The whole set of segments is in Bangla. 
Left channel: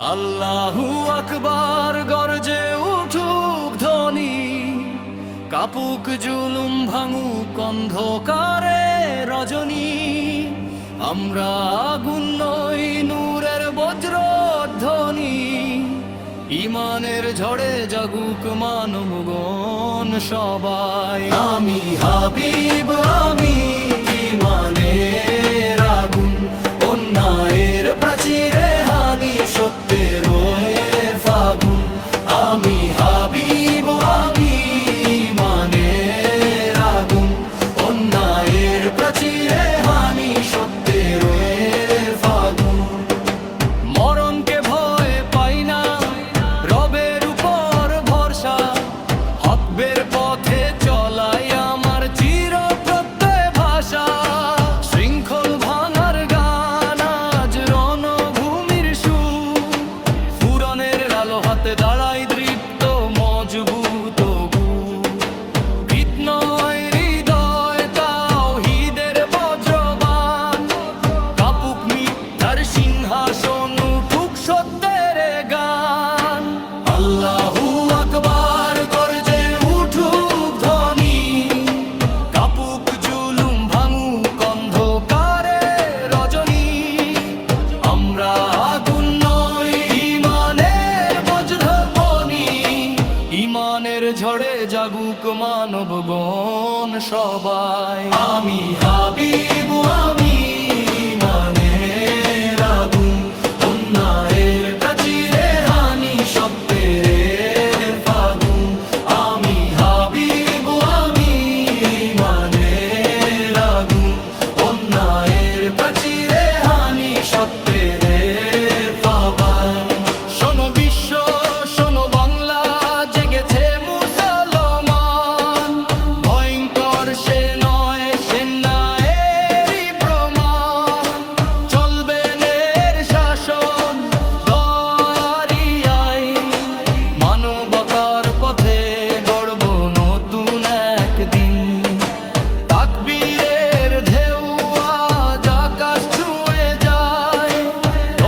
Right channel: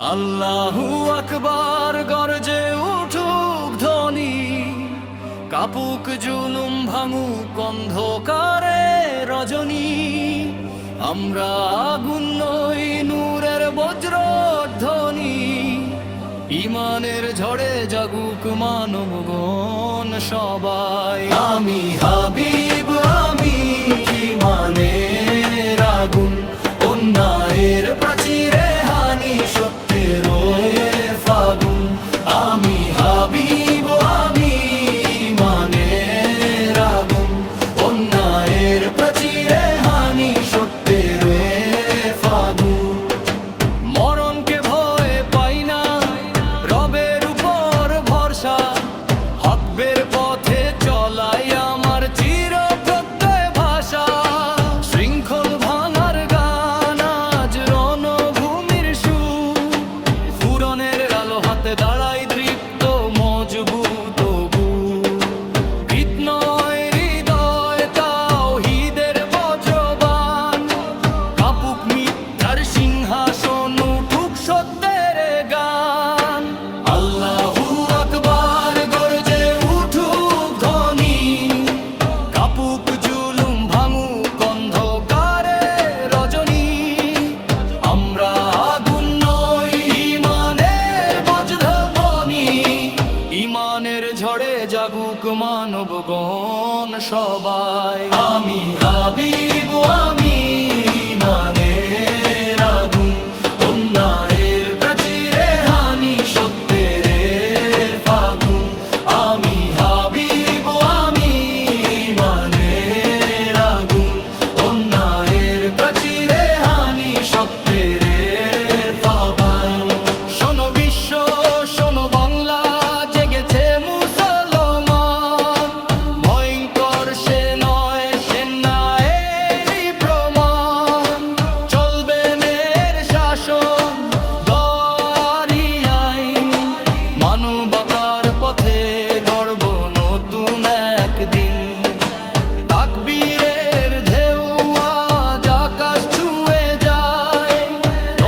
আল্লাহু আকবার গর্জে উঠুক ধ্বনি, কাপুক জুলুম ভাঙুক অন্ধকারে রজনী। আমরা আগুন নই, নূরের বজ্রধ্বনি, ইমানের ঝড়ে জাগুক মানবগণ সবাই। আমি হাবিব, আমি ইমানের আগুন, অন্যায়ের প্রাচীরে হানি সত্যের ফাগুন। আমি হাবিব, আমি ইমানের আগুন, অন্যায়ের প্রাচীরে হানি সত্যের ফাগুন। মরণকে ভয় পাই না, রবের উপর ভরসা, হকবের পথে চলাই আমার চির প্রত্যয় ভাষা। শৃঙ্খল ভাঙার গান আজ রণভূমির সুর, ফুরনের আলো হাতে দাঁড়াই দৃপ্ত মজবুত গুর। ভীত নয় হৃদয় তাওহীদের বজ্রবাণ, কাপুক মিথ্যার সিংহাসন উঠুক সত্যের গান। আল্লাহু আকবার গর্জে উঠুক ধ্বনি, কাপুক জুলুম ভাঙুক অন্ধকারে রজনী। আমরা আগুন নই, ইমানের বজ্রধ্বনি, ইমানের ঝড়ে জাগুক মানবগণ সবাই। আমি হাবিব, আমি ইমানের আগুন, অন্যায়ের প্রাচীরে হানি সত্যের ফাগুন। আমি হাবিব, আমি ইমানের আগুন, অন্যায়ের প্রাচীরে হানি সত্যের ফাগুন। শোনো বিশ্ব, শোনো বাংলা, জেগেছে মুসলমান। ভয়ঙ্কর সে নয়, সে ন্যায়েরই প্রমাণ। চলবে ন্যায়ের শাসন, দয়ারই আইন, মানবতার পথে গড়ব নতুন একদিন। তাকবীরের ঢেউ আজ আকাশ ছুঁয়ে যায়,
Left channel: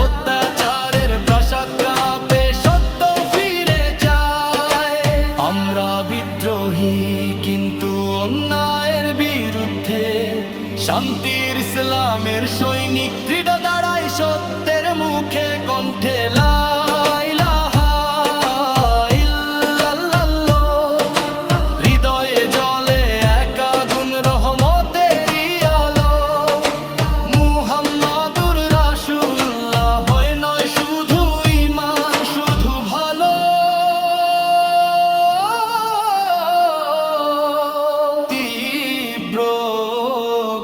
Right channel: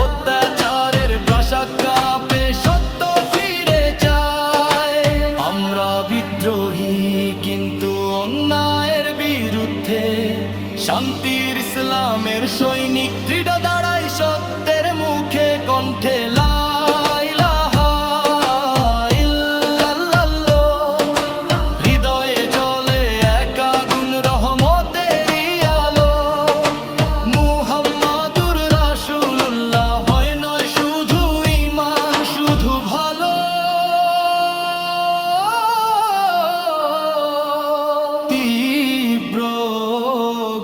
অত্যাচারের প্রাসাদ কাঁপে, সত্য ফিরে চায়। আমরা বিদ্রোহী কিন্তু অন্যায়ের বিরুদ্ধে, শান্তির ইসলামের সৈনিক দৃঢ় দাঁড়াই সত্যের মুখে। কণ্ঠে লা ইলাহা ইল্লাল্লাহ, হৃদয়ে জ্বলে এক আগুন রহমতেরই আলো। মুহাম্মাদুর রাসূলুল্লাহ হয় নয় শুধু ঈমান, শুধু ভালো। তীব্র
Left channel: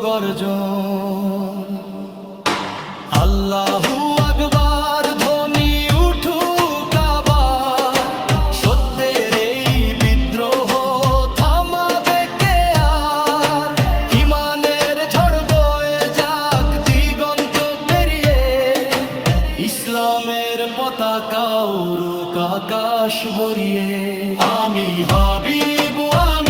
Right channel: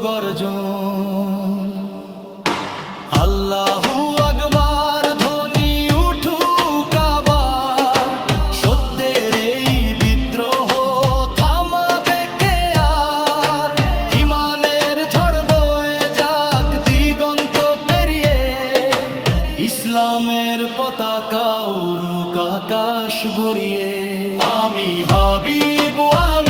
গর্জন, আল্লাহু আকবার ধ্বনি উঠুক আবার। সত্যের এই বিদ্রোহ থামাবে কে আর? ইমানের ঝড় বয়ে যাক দিগন্ত পেরিয়ে, ইসলামের পতাকা উড়ুক আকাশ ভরিয়ে। আমি হাবিব, আমি